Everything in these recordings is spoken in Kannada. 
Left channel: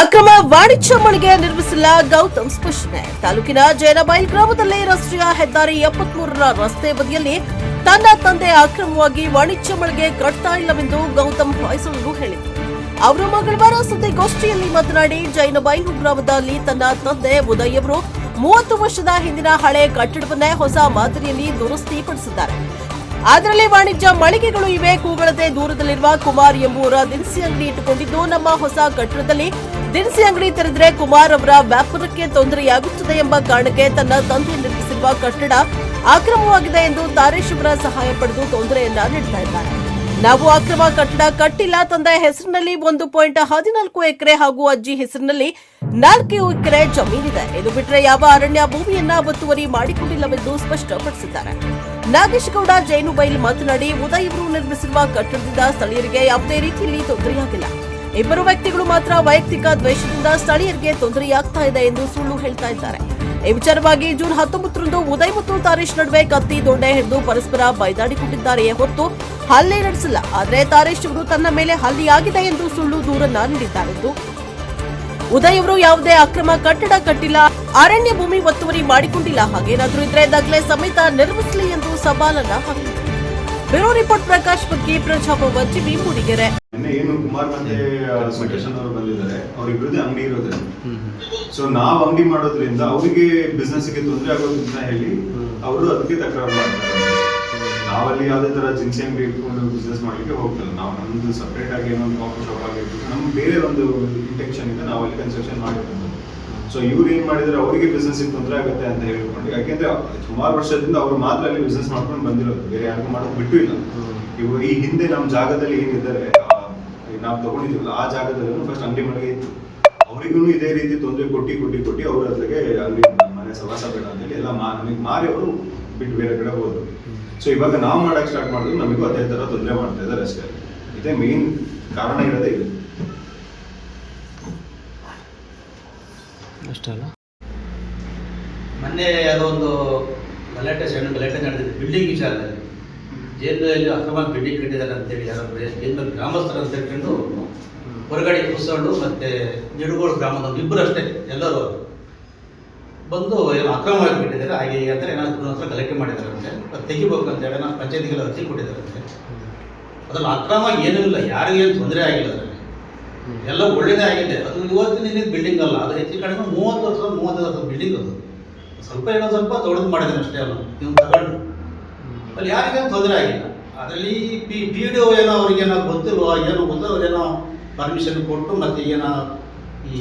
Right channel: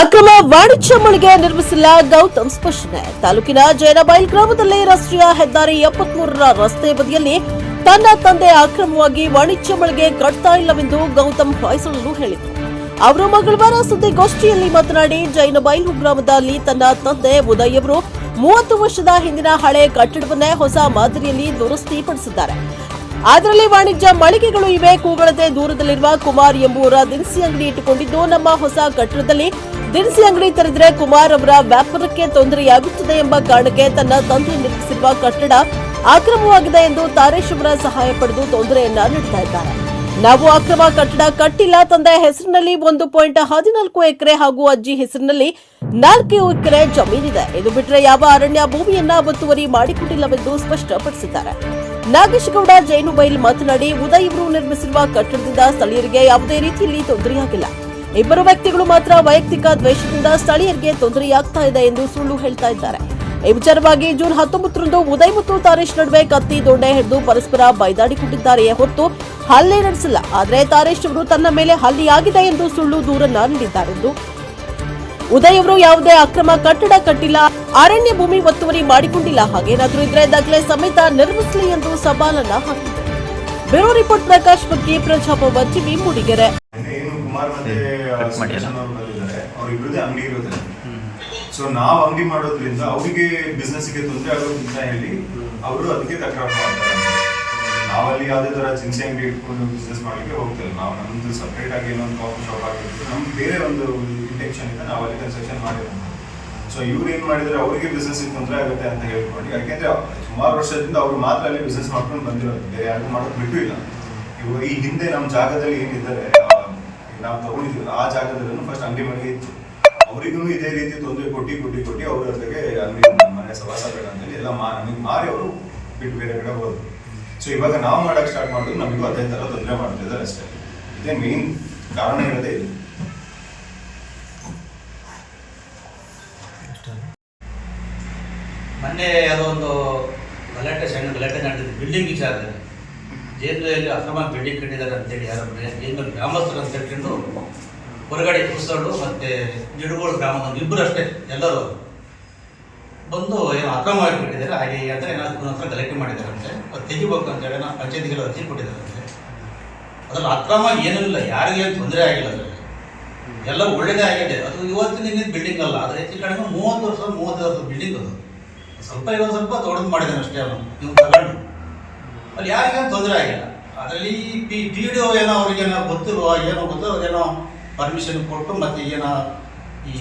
ಅಕ್ರಮ ವಾಣಿಜ್ಯ ಮಳಿಗೆ ನಿರ್ಮಿಸಿಲ್ಲ ಗೌತಮ್ ಸ್ಪಷ್ಟನೆ. ತಾಲೂಕಿನ ಜೈನಬೈಲ್ ಗ್ರಾಮದಲ್ಲಿ ರಾಷ್ಟ್ರೀಯ ಹೆದ್ದಾರಿ 73ರ ರಸ್ತೆ ಬದಿಯಲ್ಲಿ ತನ್ನ ತಂದೆ ಅಕ್ರಮವಾಗಿ ವಾಣಿಜ್ಯ ಮಳಿಗೆ ಕಟ್ತಾ ಇಲ್ಲವೆಂದು ಗೌತಮ್ ಹೊಯ್ಸಳರು ಹೇಳಿದರು. ಅವರು ಮಂಗಳವಾರ ಸುದ್ದಿಗೋಷ್ಠಿಯಲ್ಲಿ ಮಾತನಾಡಿ, ಜೈನಬೈಲು ಗ್ರಾಮದಲ್ಲಿ ತನ್ನ ತಂದೆ ಉದಯ್ ಅವರು 30 ವರ್ಷದ ಹಿಂದಿನ ಹಳೆ ಕಟ್ಟಡವನ್ನೇ ಹೊಸ ಮಾದರಿಯಲ್ಲಿ ದುರಸ್ತಿಪಡಿಸಿದ್ದಾರೆ. ಅದರಲ್ಲಿ ವಾಣಿಜ್ಯ ಮಳಿಗೆಗಳು ಇವೆ. ಕೂಗಳತೆ ದೂರದಲ್ಲಿರುವ ಕುಮಾರ್ ಎಂಬುವರ ದಿನಸಿ ಅಂಗಡಿ ಇಟ್ಟುಕೊಂಡಿದ್ದು, ನಮ್ಮ ಹೊಸ ಕಟ್ಟಡದಲ್ಲಿ ದಿನಸಿ ಅಂಗಡಿ ತೆರೆದರೆ ಕುಮಾರ್ ಅವರ ವ್ಯಾಪಾರಕ್ಕೆ ತೊಂದರೆಯಾಗುತ್ತದೆ ಎಂಬ ಕಾರಣಕ್ಕೆ ತನ್ನ ತಂದೆ ನಿರ್ಮಿಸಿರುವ ಕಟ್ಟಡ ಅಕ್ರಮವಾಗಿದೆ ಎಂದು ತಾರೇಶ್ ಅವರ ಸಹಾಯ ಪಡೆದು ತೊಂದರೆಯನ್ನ ನೀಡುತ್ತಾ ಇದ್ದಾರೆ. ನಾವು ಅಕ್ರಮ ಕಟ್ಟಡ ಕಟ್ಟಿಲ್ಲ. ತಂದೆ ಹೆಸರಿನಲ್ಲಿ 1.14 ಎಕರೆ ಹಾಗೂ ಅಜ್ಜಿ ಹೆಸರಿನಲ್ಲಿ 4 ಎಕರೆ ಜಮೀನಿದೆ. ಇದು ಬಿಟ್ಟರೆ ಯಾವ ಅರಣ್ಯ ಭೂಮಿಯನ್ನ ಒತ್ತುವರಿ ಮಾಡಿಕೊಂಡಿಲ್ಲವೆಂದು ಸ್ಪಷ್ಟಪಡಿಸಿದ್ದಾರೆ. ನಾಗೇಶ್ ಗೌಡ ಜೈನುಬೈಲ್ ಮಾತನಾಡಿ, ಉದಯ್ ಅವರು ನಿರ್ಮಿಸಿರುವ ಕಟ್ಟಡದಿಂದ ಸ್ಥಳೀಯರಿಗೆ ಯಾವುದೇ ರೀತಿಯಲ್ಲಿ ತೊಂದರೆಯಾಗಿಲ್ಲ. ಇಬ್ಬರು ವ್ಯಕ್ತಿಗಳು ಮಾತ್ರ ವೈಯಕ್ತಿಕ ದ್ವೇಷದಿಂದ ಸ್ಥಳೀಯರಿಗೆ ತೊಂದರೆಯಾಗ್ತಾ ಇದೆ ಎಂದು ಸುಳ್ಳು ಹೇಳ್ತಾ ಇದ್ದಾರೆ. ಈ ವಿಚಾರವಾಗಿ ಜೂನ್ 19ರಂದು ಉದಯ್ ಮತ್ತು ತಾರೇಶ್ ನಡುವೆ ಕತ್ತಿ ದೊಣ್ಣೆ ಹಿಡಿದು ಪರಸ್ಪರ ಬೈದಾಡಿಕೊಂಡಿದ್ದಾರೆಯೇ ಹೊರತು ಹಲ್ಲೆ ನಡೆಸಿಲ್ಲ. ಆದರೆ ತಾರೇಶ್ ಅವರು ತನ್ನ ಮೇಲೆ ಹಲ್ಲೆಯಾಗಿದೆ ಎಂದು ಸುಳ್ಳು ದೂರನ್ನ ನೀಡಿದ್ದಾರೆಂದು, ಉದಯ್ ಅವರು ಯಾವುದೇ ಅಕ್ರಮ ಕಟ್ಟಡ ಕಟ್ಟಿಲ್ಲ, ಅರಣ್ಯ ಭೂಮಿ ಒತ್ತುವರಿ ಮಾಡಿಕೊಂಡಿಲ್ಲ, ಹಾಗೇನಾದ್ರೂ ಇದ್ರೆ ದಾಖಲೆ ಸಮೇತ ನಿರ್ಮಿಸಲಿ ಎಂದು ಸವಾಲನ್ನ ಹಾಕಿದರು. ಬ್ಯೂರೋ ರಿಪೋರ್ಟ್ ಪ್ರಕಾಶ್ ಬಗ್ಗೆ, ಪ್ರಜಾಭವ ಟಿವಿ, ಮೂಡಿಗೆರೆ. ಸೊ ನಾವು ಅಂಗಡಿ ಮಾಡೋದ್ರಿಂದ ಅವರಿಗೆ ಬಿಸ್ನೆಸ್ಗೆ ತೊಂದರೆ ಆಗೋದು ಹೇಳಿ ಅವರು ಅದಕ್ಕೆ ತಕರಾರು ಮಾಡ್ತಾರೆ. ನಾವಲ್ಲಿ ಯಾವುದೇ ತರ ಜಿನ್ಸಿ ಅಂಗಡಿ ಇಟ್ಕೊಂಡು ಬಿಸ್ನೆಸ್ ಮಾಡ್ಲಿಕ್ಕೆ ಹೋಗ್ತೇವೆ. ನಾವು ನಮ್ದು ಸಪ್ರೇಟ್ ಆಗಿ ಏನೊಂದು ಕಾಫಿ ಶಾಪ್ ಆಗಿರ್ತೀವಿ, ನಮ್ಗೆ ಬೇರೆ ಒಂದು ಇಂಟೆನ್ಷನ್ ಇಂದ ನಾವು ಅಲ್ಲಿ ಕನ್ಸ್ಟ್ರಕ್ಷನ್ ಮಾಡಿರೋದು. ಸೊ ಇವ್ರು ಏನ್ ಮಾಡಿದ್ರೆ ಅವರಿಗೆ ಬಿಸ್ನೆಸ್ ತೊಂದರೆ ಆಗುತ್ತೆ ಅಂತ ಹೇಳ್ಕೊಂಡು, ಯಾಕೆಂದ್ರೆ ಸುಮಾರು ವರ್ಷದಿಂದ ಅವರು ಮಾತ್ರ ಅಲ್ಲಿ ಬಿಸ್ನೆಸ್ ಮಾಡ್ಕೊಂಡು ಬಂದಿರೋದು, ಬೇರೆ ಯಾರಿಗೂ ಮಾಡೋದು ಬಿಟ್ಟು ಇಲ್ಲ. ಇವರು ಈ ಹಿಂದೆ ನಮ್ಮ ಜಾಗದಲ್ಲಿ ಏನಿದ್ದಾರೆ ನಾವು ತಗೊಂಡಿದ್ವಲ್ಲ ಆ ಜಾಗದಲ್ಲೂ ಫಸ್ಟ್ ಅಂಗಡಿ ಮನೆಗೆ ಇತ್ತು. ಅವರಿಗೂ ಇದೇ ರೀತಿ ತೊಂದರೆ ಕೊಟ್ಟಿ ಅವ್ರ ಹತ್ರಗೆ ಅಂಗಡಿ ಮನೆ ಸವಾಸ ಬೇಡ ಅಂತೇಳಿ ಎಲ್ಲ ನಮಗೆ ಮಾರಿ ಅವರು ಬಿಟ್ಟು ಬೇರೆ ಕಡೆ ಹೋದ್ರು. ಸೊ ಇವಾಗ ನಾವು ಮಾಡಕ್ ಸ್ಟಾರ್ಟ್ ಮಾಡಿದ್ರು, ನಮಗೂ ಅದೇ ತರ ತೊಂದರೆ ಮಾಡ್ತಾ ಇದ್ದಾರೆ ಅಷ್ಟೇ. ಇದೇ ಮೇನ್ ಕಾರಣ ಇರೋದೇ ಇದು. ಮೊನ್ನೆ ಅದೊಂದು ಸಣ್ಣ ಗಲಾಟೆ ನಡೆದಿದೆ ಬಿಲ್ಡಿಂಗ್ ವಿಚಾರದಲ್ಲಿ. ಜೈಲಲ್ಲಿ ಅಕ್ರಮ ಬಿಲ್ಡಿಂಗ್ ಕಟ್ಟಿದ್ದಾರೆ ಅಂತೇಳಿ ಯಾರೋ ಜೈಲು ಗ್ರಾಮಸ್ಥರು ಅಂತ ಹೇಳ್ಕೊಂಡು ಹೊರಗಡೆ ಕುಸಳು ಮತ್ತು ನಿಡುಗೋಡು ಗ್ರಾಮದ ಇಬ್ಬರು ಅಷ್ಟೇ ಎಲ್ಲರೂ ಬಂದು ಏನೋ ಅಕ್ರಮವಾಗಿ ಕಟ್ಟಿದ್ದಾರೆ. ಹಾಗೆ ಅಂದರೆ ಏನಾದ್ರು ಹತ್ರ ಗಲಾಟೆ ಮಾಡಿದ್ದಾರೆ ಅಂತೆ, ಅದು ತೆಗಿಬೇಕು ಅಂತೇಳಿ ನಾವು ಪಂಚಾಯತಿಗೆಲ್ಲ ಅರ್ಜಿ ಕೊಟ್ಟಿದ್ದಾರಂತೆ. ಅದ್ರಲ್ಲಿ ಅಕ್ರಮ ಏನೂ ಇಲ್ಲ, ಯಾರಿಗೇನು ತೊಂದರೆ ಆಗಿಲ್ಲ, ಅದರಲ್ಲಿ ಎಲ್ಲ ಒಳ್ಳೆಯದೇ ಆಗಿದೆ. ಅದು ಇವತ್ತಿನ ಬಿಲ್ಡಿಂಗ್ ಅಲ್ಲ, ಅದು ಹೆಚ್ಚು ಕಡಿಮೆ 35 ವರ್ಷದ ಬಿಲ್ಡಿಂಗ್. ಅದು ಸ್ವಲ್ಪ ದೊಡ್ಡದು ಮಾಡಿದ್ದಾನೆ ಅಷ್ಟೇ. ಅಲ್ಲ ನೀವು ತಗೊಂಡು ಅಲ್ಲಿ ಯಾರಿಗೇನು ತೊಂದರೆ ಆಗಿಲ್ಲ. ಅದರಲ್ಲಿ ಪಿ ಡಿ ಒ ಏನೋ ಅವ್ರಿಗೇನೋ ಗೊತ್ತಿಲ್ವೋ ಏನೋ ಗೊತ್ತಿಲ್ಲ, ಅದೇನೋ ಪರ್ಮಿಷನ್ ಕೊಟ್ಟು ಮತ್ತು ಏನೋ ಈ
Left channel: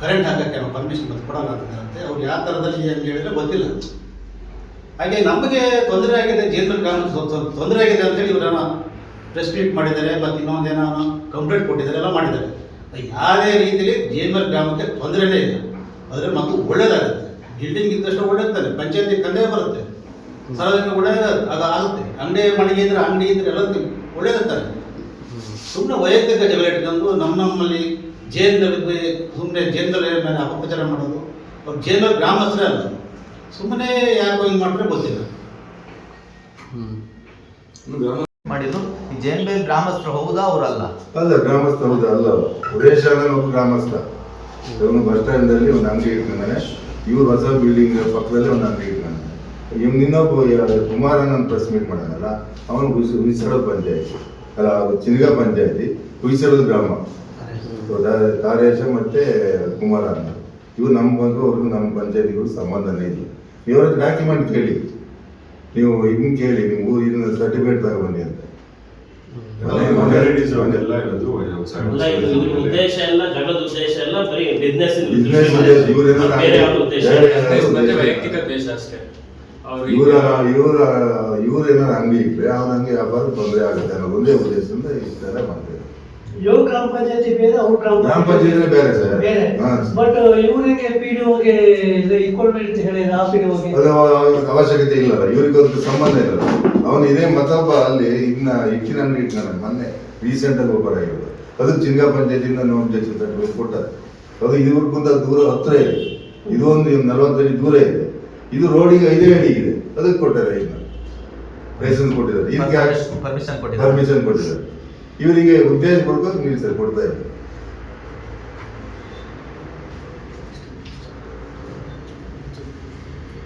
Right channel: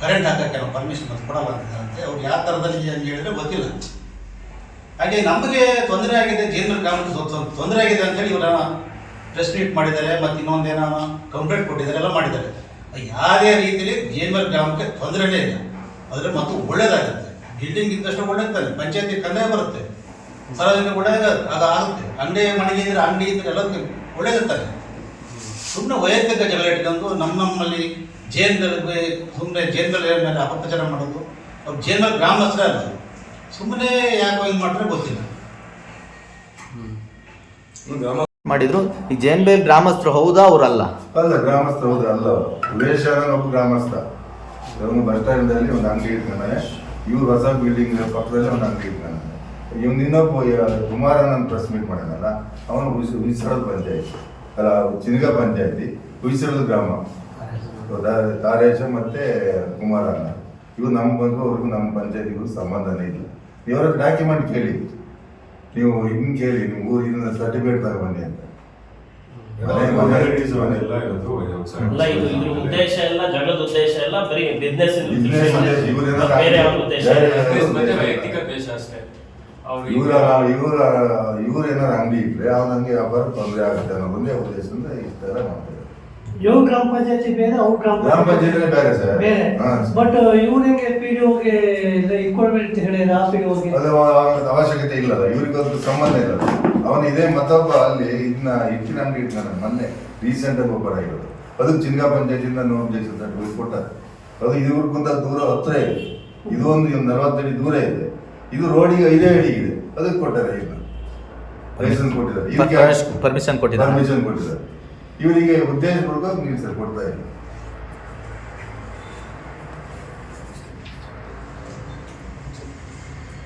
ಕರೆಂಟ್ ಹಾಕೋಕ್ಕೆ ಪರ್ಮಿಷನ್ ಮತ್ತು ಕೊಡಲ್ಲ ಅಂತಿದ್ದಾರಂತೆ. ಅವ್ರು ಯಾವ ಥರದಲ್ಲಿ ಏನು ಹೇಳಿದ್ರೆ ಗೊತ್ತಿಲ್ಲ. ಹಾಗೆ ನಮಗೆ ತೊಂದರೆ ಆಗಿದೆ, ಜೈಲ್ಮಲ್ ಗ್ರಾಮಕ್ಕೆ ತೊಂದರೆ ಆಗಿದೆ ಅಂತೇಳಿ ಇವರೇನೋ ಪ್ರೆಸ್ ಮೀಟ್ ಮಾಡಿದ್ದಾರೆ, ಮತ್ತು ಇನ್ನೊಂದೇನೋ ಕಂಪ್ಲೇಂಟ್ ಕೊಟ್ಟಿದ್ದಾರೆ, ಎಲ್ಲ ಮಾಡಿದ್ದಾರೆ. ಯಾವುದೇ ರೀತಿಯಲ್ಲಿ ಜೈಲ್ಮಲ್ ಗ್ರಾಮಕ್ಕೆ ತೊಂದರೆನೇ ಇಲ್ಲ. ಆದರೆ ಮತ್ತು ಒಳ್ಳೇದಾಗುತ್ತೆ. ಬಿಲ್ಡಿಂಗ್ ಇದ್ದಷ್ಟು ಒಳ್ಳೇದಾಗ್ತದೆ, ಪಂಚಾಯತಿ ಕಂದೇ ಬರುತ್ತೆ, ಸಾರ್ವಜನಿಕ ಒಳ್ಳೆಯದು ಅದಾಗುತ್ತೆ. ಅಂಗಡಿ ಮನೆಗೆ ಇದ್ರೆ ಅಂಗಡಿ ಇದ್ರೆ ಎಲ್ಲದಕ್ಕೆ ಒಳ್ಳೇದಿರ್ತಾರೆ. ಸುಮ್ಮನೆ ವೈಯಕ್ತಿಕ ಜಗಳ ಇಟ್ಕೊಂಡು ನಮ್ಮಲ್ಲಿ ಜೈನ್ಗಳಿಗೆ ಸುಮ್ಮನೆ ಜೈನ್ಗಳ ಮೇಲೆ ಅಪಪ್ರಚಾರ ಮಾಡೋದು, ಅವ್ರು ಜೈನ್ಗಳ ಗ್ರಾಮಸ್ಥರೇ ಅಲ್ಲ, ಸುಮ್ಮನೆ ಯಾಕೋ ಹಿಂಗೆ ಮಾಡ್ತಾರೆ ಗೊತ್ತಿಲ್ಲ. ಮಾಡಿದ್ರು ಈ ಜೈನ್ಬೇಲ್ ಗ್ರಾಮಸ್ಥರು ಹೌದಾ ಅವರಲ್ಲ? ಅಲ್ಲ, ಗ್ರಾಮಸ್ಥ ಹೌದಾ ಅಲ್ಲ. ಸುರೇಶ್ ಒಬ್ಬ ಗ್ರಾಮಸ್ಥ. ಬಸ್ ಸ್ಟ್ಯಾಂಡಲ್ಲಿ ಒಂದು ಅಂಗಡಿ ಇಟ್ಕೊಂಡಾನೆ. ಇವ್ರು ಹೊಸ ಬಿಲ್ಡಿಂಗ್ ಪಕ್ಕದಲ್ಲೇ ಒಂದು ಅಂಗಡಿ ಇಟ್ಕೊಂಡ. ಇವ್ನು ಇನ್ನೊಬ್ಬ ಕುಮಾರನ ಪ್ರೆಸ್ ಮೀಟ್ ಮಾಡೋಣಲ್ಲ, ಅವನು ಹುಯಿಸಳದ ಪಂಚಾಯತಿ ಅಲ್ಲ, ಚಿನಗ ಪಂಚಾಯತಿ ಹುಯಿಸಳದ ಗ್ರಾಮ. ತಾರೇಶ ಮತ್ತೆ ಕುಮಾರಣ್ಣ ಇವ್ರು ನಮ್ಗೆ ಬಂದು ಅವ್ರಿಗೂ ನಮ್ಮ ಪಂಚಾಯತಿಗೂ ಸಂಬಂಧನೇ ಇಲ್ಲ. ನೀವು ಅವ್ರಿಗೆ ಡಾಕ್ಯುಮೆಂಟ್ ಕೇಳಿ, ನೀವು ಇದನ್ನ ಕೇಳಿ, ನಿಮ್ಮ ಊರು ಇದನ್ನ ಸರ್ಟಿಫಿಕೇಟ್ ತಗೊಬನ್ನಿ ಅಂತ. ಇವ್ರೇನಾರು ಅಂಗಡಿ ಇಟ್ರೆ ಅವನ ಅಂಗಡಿ ವ್ಯಾಪಾರ ತೊಂದರೆ ಆಗುತ್ತೆ ಅನ್ನೋದು ಒಂದೇ ಉದ್ದೇಶದಿಂದ ಇಷ್ಟ ಮಾಡ್ತಾರೆ. ಗ್ರಾಮ ಪಂಚಾಯತಿ ಬೇರೆ, ಅವ್ರ ಗ್ರಾಮ ಪಂಚಾಯತಿ ಬೇರೆ ಸರ್. ಬಟ್ ಇವರಿಗೆ ಪಿಡಿಒಗೆ ಇಕ್ವಲ್ಮೆಂಟ್ ಹೇಳಿ ಅದು ಅವಶ್ಯಕತೆ ಇಲ್ಲ, ಇವ್ರಿಗೆ ಅದಕ್ಕೆ ಸಂಬಂಧ ಇಲ್ಲ. ಅವನು ಇದೇ ಮತ್ತೊಬ್ಬ ಅಲ್ಲಿ ಇದನ್ನ ಇಟ್ಟಿನ ಅಂಗಡಿ ಇಟ್ಕೊಂಡ ಮೊನ್ನೆ ರೀಸೆಂಟ್ ಆಗಿ ಒಬ್ಬರ ಆಗಿರೋದು. ಅದಕ್ಕೆ ಚಿನ್ಗಾ ಪಂಚಾಯತಿಯಿಂದ ನೋಂದಣಿ ಸರ್ಟಿಫಿಕೇಟ್ ಕೊಟ್ಟಾರೆ. ಅದು ಇವ್ರಿಗಿಂತ ದೂರ ಹತ್ರ ಇದೆ, ಇದು ಒಂದು 40 ಅಡಿ ದೂರ ಇದೆ. ಇದು ರೋಡಿಗೆ 5 ಅಡಿ ಇದೆ, ಅದಕ್ಕೆ ಕೊಟ್ಟಾರೆ. ಇದನ್ನ ಲೈಸೆನ್ಸ್ ಕೊಟ್ಟಿದ್ದಾರೆ, ಇದಕ್ಕೆ ಪರ್ಮಿಷನ್ ಕೊಟ್ಟಿದ್ದಾರೆ. ಇವರಿಗೆ ಉದ್ದೇಶ ಕೊಡ್ಬೇಕು, ನೀವು ಸರ್ ಕೊಡ್ತಾ ಇದ್ದಾರೆ.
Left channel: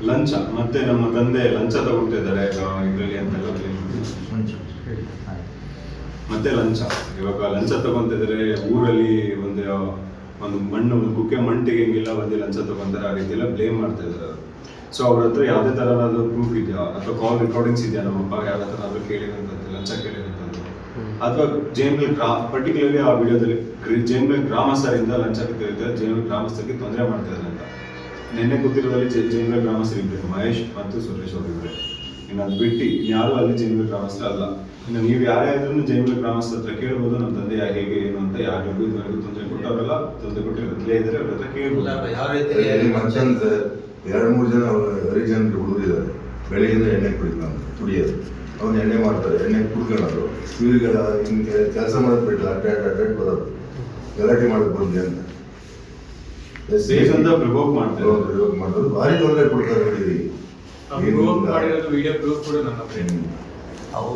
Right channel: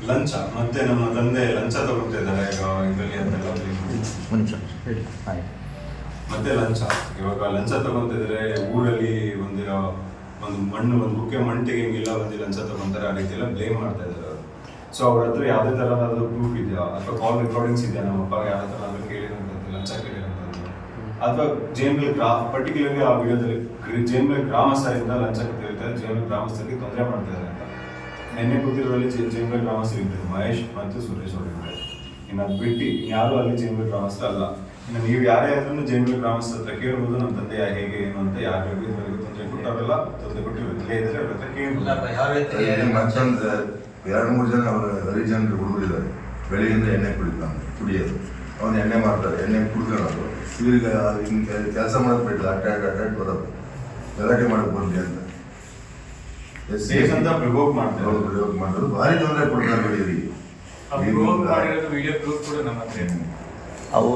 ಲಂಚ ಮತ್ತೆ ನಮ್ಮ ತಂದೆ ಲಂಚ ತಗೊಳ್ತಿದ್ದಾರೆ ಇದರಲ್ಲಿ ಅಂತೆಲ್ಲ claim ಮಾಡಿ. ಮತ್ತೆ ಲಂಚ ಇವಾಗ ಲಂಚ ತಗೊಂತಿದ್ದಾರೆ ಊರಲ್ಲಿ ಒಂದು ಮಣ್ಣು ಒಂದು ಕುಕ್ಕೆ ಮಣ್ಣು ತೆಗಿಯಂಗಿಲ್ಲ ಒಂದು ಲಂಚ ತಗೊಂತಾರೆ ಆ ರೀತಿ ಎಲ್ಲ ಬ್ಲೇಮ್ ಮಾಡ್ತಾ ಇದ್ದಾರೆ. ಸೊ ಅವ್ರ ಹತ್ರ ಯಾವುದೇ ಥರನಾದ ಪ್ರೂಫ್ ಇದೆಯಾ ಅಥವಾ ಕಾಲ್ ರೆಕಾರ್ಡಿಂಗ್ಸ್ ಇದೆಯಾ ನಮ್ಮ ಅಪ್ಪ ಯಾರ ಹತ್ರ ಕೇಳಿರುವಂಥದ್ದು ಲಂಚ ಕೇಳಿರುವಂಥದ್ದು ಅಥವಾ ಜೇನ್ಬಲ್ ಪರ್ಟಿಕ್ಯುಲರ್ಲಿ ಆ ವಿಡಿಯೋದಲ್ಲಿ ಜೇನ್ಬಲ್ ಗ್ರಾಮಸ್ಥರಿಂದ ಲಂಚ ಕೇಳಿದ್ದಾರೆ, ಜೇನ್ಬಲ್ ಗ್ರಾಮಸ್ಥರಿಗೆ ತೊಂದರೆ ಮಾಡ್ತಾ ಇದ್ದಾರೆ ಅಂತ. ನಿನ್ನೆ ಕೂತಿರೋದಲ್ಲಿ ಜೇನ್ಬಲ್ ಗ್ರಾಮಸ್ಥರು ಇದ್ದಾರೆ, ಮಹೇಶ್ ಮತ್ತು ಸುರೇಶ್ ಅವರು ಇದ್ದಾರೆ. ಇನ್ನು ಅದು ಬಿಟ್ಟು ಯಾರು ಅಲ್ಲಿ ಜೇನ್ಬಲ್ ಗ್ರಾಮಸ್ಥರು ಅಲ್ಲ. ಇನ್ನು ನೀವು ಯಾರೇ ಆದ್ರೂ ಜೇನ್ಬಲ್ ಗ್ರಾಮಸ್ಥರ ಹತ್ರ ಕೇಳ್ಬೋದು ನಮ್ಮ ತಂದೆ ಹೇಗೆ ಏನು ಅಂತ. ಯಾರಿಗೂ ಇದುವರೆಗೂ ತೊಂದರೆ ಕೊಟ್ಟವರಲ್ಲ, ತೊಂದರೆ ಕೊಟ್ಟಿರೋ ಇಲ್ಲೇ ಇದ್ದಾರೆ, ಅವ್ರ ಹತ್ರ ಕೇಳ್ಬೋದು. ಯಾವ ರೀತಿ ಮತ್ತೊಂದು 2-3 ಜನ ಹರಿಜನರು ಹುಡುಗರು ಇದ್ದಾರೆ, ಬೆಳಗ್ಗೆಯಿಂದ ಎಣ್ಣೆ ಕುಡಿಯೋದು, ಅವ್ನು ಎಣ್ಣೆ ಮಾಡ್ತಾರೆ, ಎಣ್ಣೆ ಕುಡ್ಕೊಳ್ಳೋದು. ಇವ್ರಿಗೆ ಹಿಂಗೆ ಕೆಲಸ ಮಾಡೋದು ಬಿಟ್ಟು ಅಡ್ಡಾಡಿ ಬರೋದು, ಗಲಾಟೆ ಮಾಡೋದು ಬಂದೆ ಅಂತ ಪ್ರಿವೋಕ್ ಮಾಡ್ತಾರೆ. ಪ್ರಯೋಗ ಮಾಡೋದು ಭಾರಿ ತೊಂದರೆ ಕೊಡ್ತಾರೆ ಬೆಳಗ್ಗೆಗೆ.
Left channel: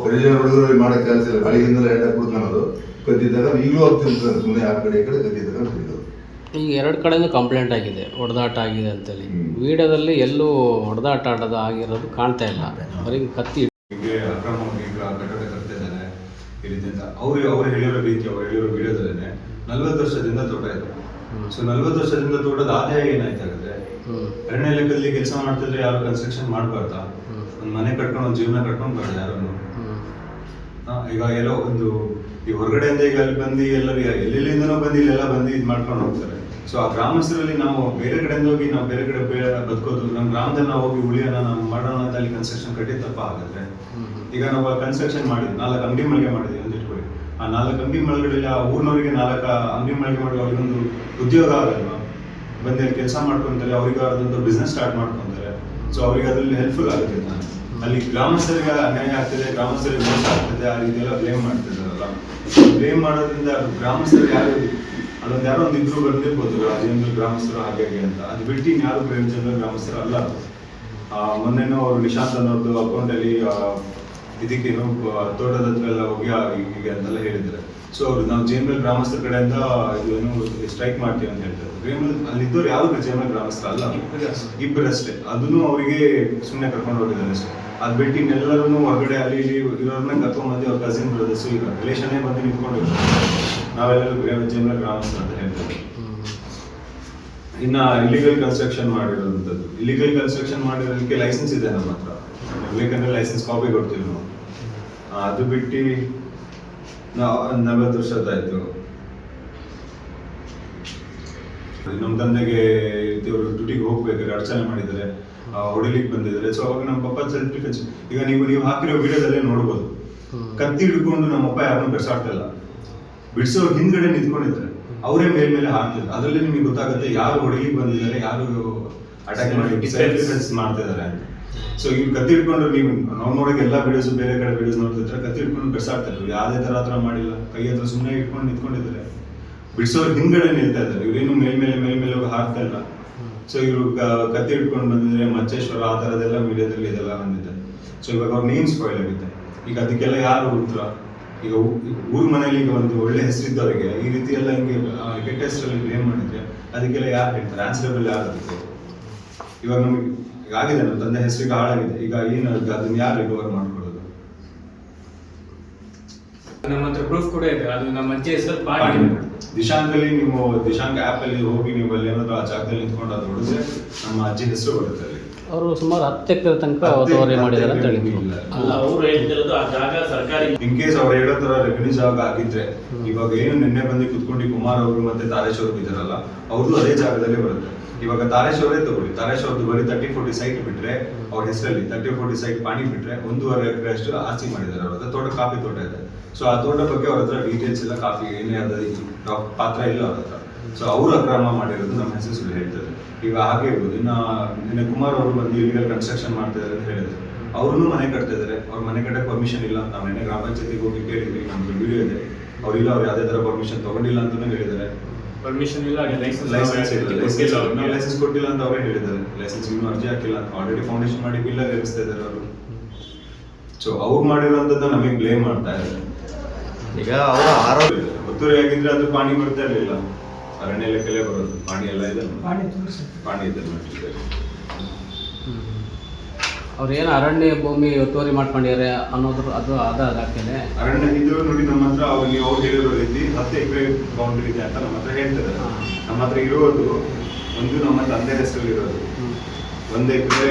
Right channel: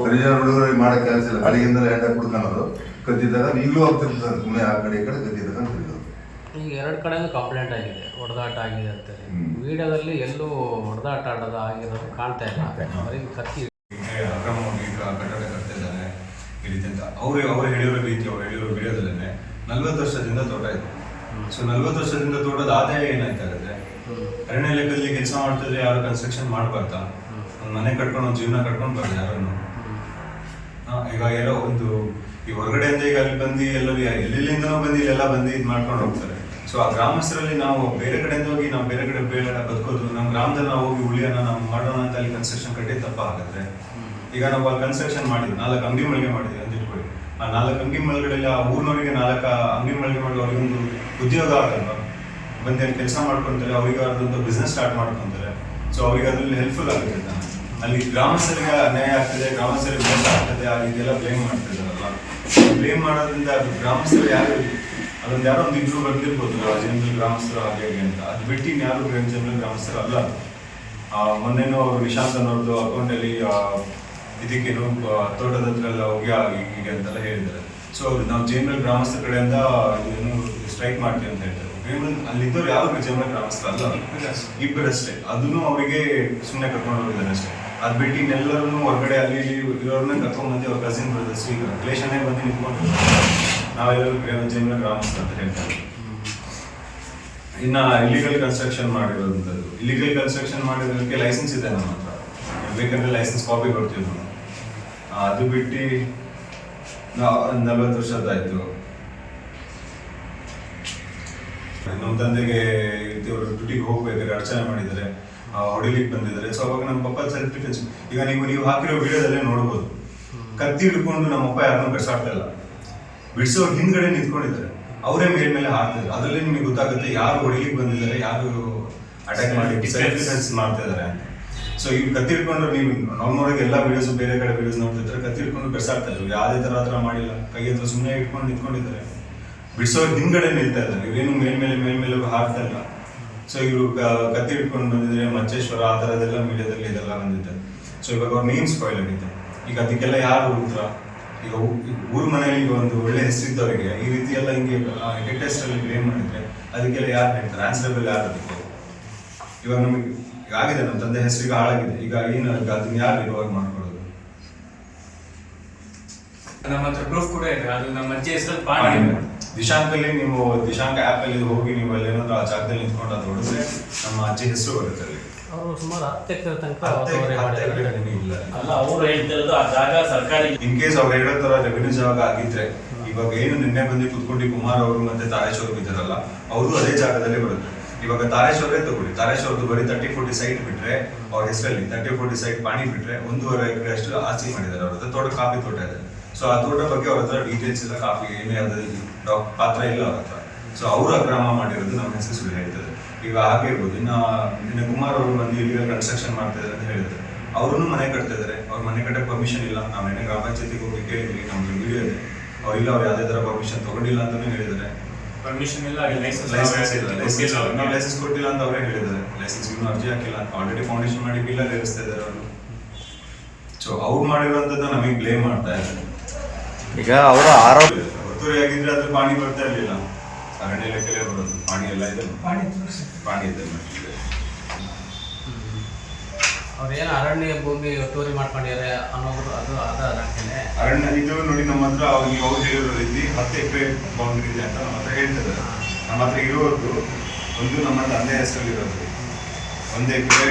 ಹರಿಜನ ಹುಡುಗರು ಮಾಡೋ ಕೆಲಸ ಇಲ್ಲ, ಬೆಳಗ್ಗಿಂದಲೇ ಎಣ್ಣೆ ಕುಡ್ಕೊಳ್ಳೋದು, ಕದ್ದಿದ್ದಾಗ ಈಗಲೂ ಹೋಗ್ತಿರ್ತಾರೆ ಸುಮ್ಮನೆ ಆ ಕಡೆ ಈ ಕಡೆ ಕದ್ದಿದ್ದಾಗ ಕುಡಿಯೋದು. ಈಗ 2 ಕಡೆನೂ ಕಂಪ್ಲೇಂಟ್ ಆಗಿದೆ, ಹೊಡೆದಾಟ ಆಗಿದೆ ಅಂತೇಳಿ. ವಿಡಿಯೋದಲ್ಲಿ ಎಲ್ಲೂ ಹೊಡೆದಾಟ ಆಡೋದು ಆಗಿರೋದು ಕಾಣ್ತಾ ಇಲ್ಲ. ಅವರಿಗೆ ಕತ್ತಿ ಹೀಗೆ ಅಕ್ರಮವಾಗಿ ಈಗ ಕಟ್ಟಡ ಕಟ್ತಾ ಇದ್ದಾನೆ ಈ ರೀತಿ ಅಂತ ಅವ್ರು ಹೇಳಿರೋ ರೀತಿ, ಅವ್ರು ಹೇಳಿರೋ ವಿಡಿಯೋದಲ್ಲೇ 40 ವರ್ಷದಿಂದ ತೋಟ ಇದೆ. ಸೊ 40 ವರ್ಷದಿಂದ ತೋಟದ ಆದಾಯ ಏನಾಯ್ತಾಗುತ್ತೆ? ಅರಣ್ಯ ಇಲಾಖೆಯಲ್ಲಿ ಕೆಲಸ ಮಾಡ್ತಿದ್ರೆ ಯಾರು ಕನ್ಸ್ಟ್ರಕ್ಷನ್ ಮಾಡಬಾರ್ದಾ? ಒಂದು ಮನೆ ಕಟ್ಕೊಂಡು ಒಂದು ಜೀವನ ಕಟ್ಕೊಂಡು ಬರ್ತಾರೆ ಯಾರನ್ನು. ಈಗ ಎಲ್ಲೋ ಒಂದು ಈ ಹೊರಗಡೆಯಿಂದ ಈಗ ಅಲ್ಲಿ ಬಂದು ಎಲ್ಲೆಲ್ಲಿಂದನೂ ಬಂದು ಇಲ್ಲೆಲ್ಲ ಬಂದು ಇದು ಮಾಡ್ಕೊಂಡು ಹೋಗ್ತಾರೆ. ಸೊ ಆ ಗ್ರಾಮಸ್ಥರಲ್ಲಿ ನಾವು ಬೇರೆ ಕಡೆಯಿಂದ ಹೋಗಿ ನಾವು ಬೇರೆ ಕಡೆ ಬದುಕೋದು, ನಮ್ಮ ಗ್ರಾಮದಲ್ಲಿ ನಾವು ಹೋಗಿ ಉಳಿಯೋಣ, ನಾವು ಮಾಡೋಣ ಅಂತ ಅಲ್ಲಿ ಕನ್ಸ್ಟ್ರಕ್ಷನ್ ಕಟ್ಟಿ ತಪ್ಪಾಗುತ್ತೆ. ಈಗ ನಾವು ಅಲ್ಲಿ ಕನ್ಸ್ಟ್ರಕ್ಷನ್ ಮಾಡಿದ್ವಿ, 4 ಅಂಗಡಿ ಮಳಿಗೆ ಮಾಡಿದ್ವಿ ಅಂತ ಇಟ್ಕೊಳ್ಳಿ. ಆ 4 ಅಂಗಡಿ ಮಳಿಗೆಗಳಲ್ಲಿ ಆ ಊರಿನವರಿಗೆ 4 ಅಂಗಡಿ ಮಳಿಗೆ ಮಾಡಿ ಅವ್ರಿಗೊಂದು ಉದ್ಯೋಗ ಆಗಲ್ಲ, ಬಂದು ಅಲ್ಲಿ ಕೆಲಸ ಮಾಡ್ಕೊತಾರೆ, ಅವ್ರಿಗೆ ಅದೊಂದು ಬಿಸ್ನೆಸ್ ಸ್ಟಾರ್ಟ್ ಮಾಡ್ಕೊತಾರೆ. ಸೊ ಅವ್ರಿಗೆ ಅದರಲ್ಲಿ ಹೆಲ್ಪ್ಫುಲ್ ಆಗುತ್ತೆ. ಅಲ್ಲಿ ಗ್ರಾಮಸ್ಥರಿಗೆ ಅನ್ಯಾಯ ಆಗ್ತದೆ, ಗ್ರಾಮಸ್ಥರಿಗೆ ಮೋಸ ಆಗ್ತದೆ, ಆ ರೀತಿ ಎಲ್ಲ ಬ್ಲೇಮ್ ಮಾಡ್ತಿದ್ದಾರಲ್ಲ. ಬ್ಲೇಮ್ ಮಾಡೋದ್ರಿಂದ ಅದು ಗ್ರಾಮಸ್ಥರು ಯಾರು ಅದೊಂದು ಯಾರೋ ಒಂದು ಇಬ್ರು ಬರ್ತಿರ್ಬೋದು ಜೇನ್ಬಲ್ ಗ್ರಾಮಸ್ಥರು ಹಾಗೆ ಅಂತ. ಅದು ಬಿಟ್ಟು ಯಾರು ಜೇನ್ಬಲ್ ಗ್ರಾಮಸ್ಥರು ಅಲ್ಲ. ಮೊನ್ನೆನೂ ಅವರು ನಿಶಾಂತ್ ಅನ್ನೋರ್ದು ಅಕೌಂಟಲ್ಲಿ ಇದಕ್ಕೇನು ತೋಟದ ಹತ್ರ ಎಲ್ಲ ಹೋಗಿ ಹೀಗೆ ಅಂತೆಲ್ಲ ಹೇಳಿದ್ದಾರೆ. ಸೊ ನಾವು ಜೇನ್ಬಲ್ ಗ್ರಾಮಸ್ಥರ ಕಡೆಯಿಂದ ಏನು ಸ್ಟ್ರೈಕ್ ಮಾಡ್ತೀವಿ ಅಂತ ಹೇಳ್ತಾರೆ. ಅಲ್ಲಿದ್ದವ್ರು ಯಾರು ಜೇನ್ಬಲ್ ಗ್ರಾಮಸ್ಥರು ಅಲ್ಲ, ಇಬ್ಬರಷ್ಟೇ. ಅದನ್ನು ಅವರಿಗೆ ಸುಮ್ಮನೆ ಕರ್ಕೊಂಡು ಹೋಗಿದ್ದಾರೆ ಅಷ್ಟೇ. ಅದು ಬಿಟ್ಟು ಇನ್ನೆಲ್ಲರೂ ಹೊರಗಡೆ ಅಲ್ಲಿ ಇರೋರನ್ನ ಕರ್ಕೊಂಡ್ಬಂದು ಅವ್ರ ಕಸಿನ್ ಬ್ರದರ್ಸ್ ಈಗ ರಿಲೇಷನ್ನೇ ಬಂದು ನಿಂತ್ಕೊಂಡಿರ್ತಾರೆ. ನಾವೆಲ್ಲರೂ ಜೇನ್ಬಲ್ ಗ್ರಾಮಸ್ಥರು ಅಂತ ಹೇಳ್ತಾರೆ. ಇನ್ನು ಇಲಿಗಲ್ ಕನ್ಸ್ಟ್ರಕ್ಷನ್ ಮಾಡಿರೋಂಥದ್ದು, ಇಲಿಗಲ್ ಕನ್ಸ್ಟ್ರಕ್ಷನ್ ಮಾಡಿರೋದಕ್ಕೆ ಲೈಸೆನ್ಸ್ ಇದೆ ನಮ್ಮ ಹತ್ರ, ಬೇಕಂದ್ರೆ ಲೈಸೆನ್ಸ್ ಕಾಪಿ ಕೊಡ್ತೀವಿ ನಾವು. ಅದು ಬಿಟ್ಟು 40 ವರ್ಷದ್ದಾಯ್ತು. ನಮ್ಮ ತಂದೆಗೆ ಇವರು ಡ್ಯೂಟಿಗೆ ಹೋಗ್ಬೇಕಾದ್ರೆ ಅಡಚಣೆ ಮಾಡಿದ್ದಾರೆ, ಹೊಡಿಲಿಕ್ಕೆ ಬಂದಿದ್ದಾರೆ. ಸೊ ಅವಾಗ ನಮ್ಮ ಪಪ್ಪ ಸೆಲ್ಫ್ ಡಿಫೆನ್ಸ್. ಈಗ ನೀವು ಹಾಕಿರೋ ವಿಡಿಯೋದಲ್ಲೇ ನೋಡ್ಬೋದು, ಕತ್ತಿ ಹಿಡ್ಕೊಂಡು ನಮ್ಮಪ್ಪ ಯಾರನ್ನೂ ಬಿಡ್ಸಾಡ್ತಾ ಇಲ್ಲ, ಬಿಡಿಸೋರು ಹಿಂದ್ಗಡೆ ನಿಂತ್ಕೊಂಡಿದ್ದಾರೆ, ಅವರೇ ಮೇಲ್ಮೇಲೆ ಹಾಕ್ತಿದ್ರು. ಅದರಲ್ಲಿ ನಿಮಗೆ ಗೊತ್ತಾಗುತ್ತೆ ಯಾರು ಹೊಡಿಲಿಕ್ಕೆ ಬಂದಿದ್ದಾರೆ, ಯಾರು ಅಟ್ಯಾಕ್ ಮಾಡಿ ಸೆಲ್ಫ್ ಡಿಫೆನ್ಸ್ ಮಾಡ್ತಾ ಇದ್ದಾರೆ ಅಂತ. ಸೊ ಇವ್ರು ಕತ್ತಿ ಹಿಡ್ಕೊಂಡ್ರೆ ನೀವು ನಾವು ನೋಡಿದ ಎಲ್ಲ ವಿಡಿಯೋಸ್, ಬೇರೆ ಕಡೆ ವಿಡಿಯೋಸ್ ನೋಡ್ತಿದ್ರೆ ಕತ್ತಿ ಹಿಡ್ಕೊಂಡು ಬಿಡ್ಸಾಡ್ತಾ ಇದ್ರು. ಯಾವುದೇ ಥರ ಮಾಡಿಲ್ಲ, ಕೈ ಹತ್ರ ಸುಮ್ಮನೆ ಇಟ್ಕೊಂಡು ನಿಂತ್ಕೊಂಡಿದ್ದಾರೆ. ಬಿಡಿಸೋರು ಹಿಂದ್ಗಡೆ ನಿಲ್ತಾ ಇದ್ದಾರೆ, ಇವರೇನು ಮೇಲ್ಮೇಲೆ ಹಾಕ್ತಾ ಇಲ್ಲ. ಸೊ ಇವರು ಕತ್ತಿ ಹಿಡ್ಕೊಂಡು ಬಂದಿದ್ದಾರೆ, ಮಚ್ಚೇಶ್ವರ ಆ ಥರದ್ದೆಲ್ಲ ಮೀಡಿಯಾದಲ್ಲಿ ಇದೆಲ್ಲ ಬಂದಿದೆ. ಸೊ ಇವಾಗ ಅವ್ರ ನೇಮ್ ಸ್ಪಾಯ್ಲ್ ಆಗಿದೆ. ಈಗ ಅದಕ್ಕೆಲ್ಲ ಯಾರು ಉತ್ತರ? ಈಗ ಊರು ಮನೆಯಲ್ಲಿ ಈಗ ಒಂದು ಒಳ್ಳೆ ಹೆಸರಿದ್ದವರಿಗೆ ಈ ರೀತಿ ಎಲ್ಲ ಹಿಂಗೆ ಕೆಟ್ಟ ಹೆಸರಲ್ಲಿ ಬ್ಲೇಮ್ ಮಾಡಿದ್ರೆ ಅದಕ್ಕೆಲ್ಲ ಯಾರು ಹೇಳ್ತಾರೆ? ಆನ್ಸರಬಲ್ ಯಾರು ಅದಕ್ಕೆ? ಇವಾಗ ನಮಗೆ ಆಗಿದೆ, ನಮ್ಮ ತಂದೆ ಹೆಸರಿಗೆ ಹಾಳಾಗಿದೆ. ಈಗ ಏನು ಅದನ್ನ ಯಾರು ರಿಕವರ್ ಮಾಡ್ಕೊಳ್ಳೋದು? ನಮ್ಮ ಹತ್ರ ಪ್ರೂಫ್ ಕೂಡ ಇದೆ, ಅದು ನಮ್ಮ ಅಜ್ಜಿ ಹೆಸರಲ್ಲಿ ದಿಶಾಂಕಲ್ಲಿ ನೀವು ದಿಶಾಂಕ ಆ್ಯಪ್ ಅಲ್ಲಿ ಹೋಗಿ ನೀವು ಅಲ್ಲಿ ಏನಾದ್ರು ಆ ಜಾಗದಲ್ಲಿ ನಿಂತ್ಕೊಂಡು ಅದು ಹೊಡೆದ್ರೆ ನಮ್ಮ ಅಜ್ಜಿ ಹೆಸರು ಬರುತ್ತೆ ಅಲ್ಲಿ. ಅವರು ಸುಮಾರು 10 ಎಕರೆ ತನಕ ಒತ್ತುವರಿ ಮಾಡಿದ್ದಾರೆ ಅಂತ ಹೇಳಿ. ಅಲ್ಲ, ಅವರು ಹೇಳ್ತಿರೋದು ಆ ಜಾಗ ಸರ್ಕಾರಿ. ಇನ್ ಕೇಸ್ ಅವ್ರು ಹೇಳೋ ತರ ರೆವಿನ್ಯೂ ಜಾಗ ಆಗಿದ್ರೆ ಇವಾಗ ಏನು ನಿನ್ನೆ ಬಂದು ಕುತ್ಕೊಂಡು ಕುಮಾರ್ ಅವರು ಮತ್ತೆ ತಾರೇಶ್ ಅವರು ಇದ್ದಾರಲ್ಲ, ಅವ್ರದ್ದು ಅದೇ ಜಾಗದಲ್ಲಿ ಬರುತ್ತೆ. ಇವಾಗ ತಾರೇಶ್ ಅವರೇ ತಗೊಳ್ಳಿ, ತಾರೇಶ್ ಅವ್ರದ್ದು ಬರೀ 30-40 ಸೈಟ್ ಬಿಟ್ರೆ ಅವ್ರ ಹೆಸರಲ್ಲಿ 30-40 ಸೈಟ್ ಪಾಣಿ ಬಿಟ್ರೆ 1.5 ಎಕರೆ ಅಷ್ಟು ಆಸ್ತಿ ಮಾಡಿದ್ದಾರೆ. ಅವ್ರ ಹತ್ರ ತೋಟ, ಕಾಫಿ ತೋಟ ಇದೆ. ಸೊ ಆ ತೋಟ ಬಗ್ಗೆ ಅವ್ರ ಹತ್ರ ಡೀಟೇಲ್ಸ್ ಇಲ್ಲ, ಕಾಫಿ ಏನೇ ಪಾತ್ರ ಇಲ್ಲ ಅವ್ರ ಹತ್ರ. ಸೊ ಅವರು ಅಕ್ರಮ ಮಾಡಿರೋದು ನಮ್ಮ ಹೆಸರು ಸುಳ್ಳು ಹೇಳ್ತಾರೆ. ಈಗ ಹಾಗೆ ಇರ್ಬೋದು. ಇನ್ನು ಕುಮಾರ್ ಅವರು ಬಂದು ಇಲ್ಲಿ ಕನ್ಸ್ಟ್ರಕ್ಷನ್ ಮಾಡ್ತಾ ಇದ್ದಾರೆ ಅಂತ ಹೇಳಿದ್ರು, ಅವ್ರನ್ನೂ ಮನೆ ಕಟ್ತಾ ಇದ್ದಾರೆ. ಅವ್ರ ಮನೆ ಕಟ್ಟಕ್ಕೆ ಪರ್ಮಿಷನ್ ಇಲ್ಲ. ನಾವು ನಿನ್ನೆ ಗ್ರಾಮ ಪಂಚಾಯತಿಗೆ ಹೋಗಿ ಕೇಳಿದ್ವಿ, ನಮ್ದು ವಿಡಿಯೋ ಇದೆ. ಅವ್ರಿಲ್ಲ, ಅವ್ರು ಯಾವುದೇ ಥರ ಪರ್ಮಿಷನ್ ತಗೊಂಡಿಲ್ಲ ಅಂತಾನೂ ಹೇಳಿದ್ದಾರೆ. ಪರ್ಮಿಷನ್ ಇಲ್ಲ, ಲೈಸೆನ್ಸ್ ಕೊಟ್ಟಿಲ್ಲ ಅಂತ ಅವರೇ ಹೇಳಿದ್ದಾರೆ. ಲೈಸೆನ್ಸ್ ಇನ್ನೂ ಅರ್ಜಿ ಹಾಕಿಲ್ಲ, ಆಲ್ರೆಡಿ ಫೌಂಡೇಶನ್ ಮಾಡಿ ಪಿಲ್ಲರ್ ಇರಿಸ್ತಾ ಇದ್ದಾರೆ ಅವರು. ಸೊ ಅವ್ರು ಮಾಡಿರೋಂಥದ್ದು ನಮಗೆ ಬ್ಲೇಮ್ ಮಾಡ್ತಾ ಇದ್ದಾರೆ. ಈಗ ಅವರ ಆರೋಗ್ಯ ಒತ್ತುವರಿ ಆಗಿದ್ರೆ ಅದು ಪಾಣಿ ಬರ್ತಾ ಇರಲಿಲ್ಲ, ಅರಣ್ಯ ಇಲಾಖೆಯಲ್ಲೇ ಬರೋದು. ಪಾಣಿ ಎಲ್ಲ ಇದೆ, ಪಾಣಿ ಇದೆ. ಅವ್ರು ಏನು ಅರಣ್ಯ ಭೂಮಿ ಒತ್ತುವರಿ ಮಾಡ್ಕೊಂಡಿದ್ದಾರೆ ಅನ್ನೋದು ಅದಕ್ಕೇನೆ ಅರಣ್ಯ ಇದು ನೋಡಿ ನಮ್ಮ ಹತ್ರ ಅವ್ರು ಹೇಳಿರೋ ರೀತಿ 10 ಎಕರೆ ಬೌಂಡ್ರಿ ಇದೆ ಅಂತ ನಮ್ಮ ಹತ್ರ ಹೇಳ್ತಾರೆ. ನಮ್ಮ ಹತ್ರ ಇರೋದು ಒಂದು ನಮ್ಮ ತಂದೆ ಹೆಸರಲ್ಲಿ ಇರೋದು 1 ಎಕರೆ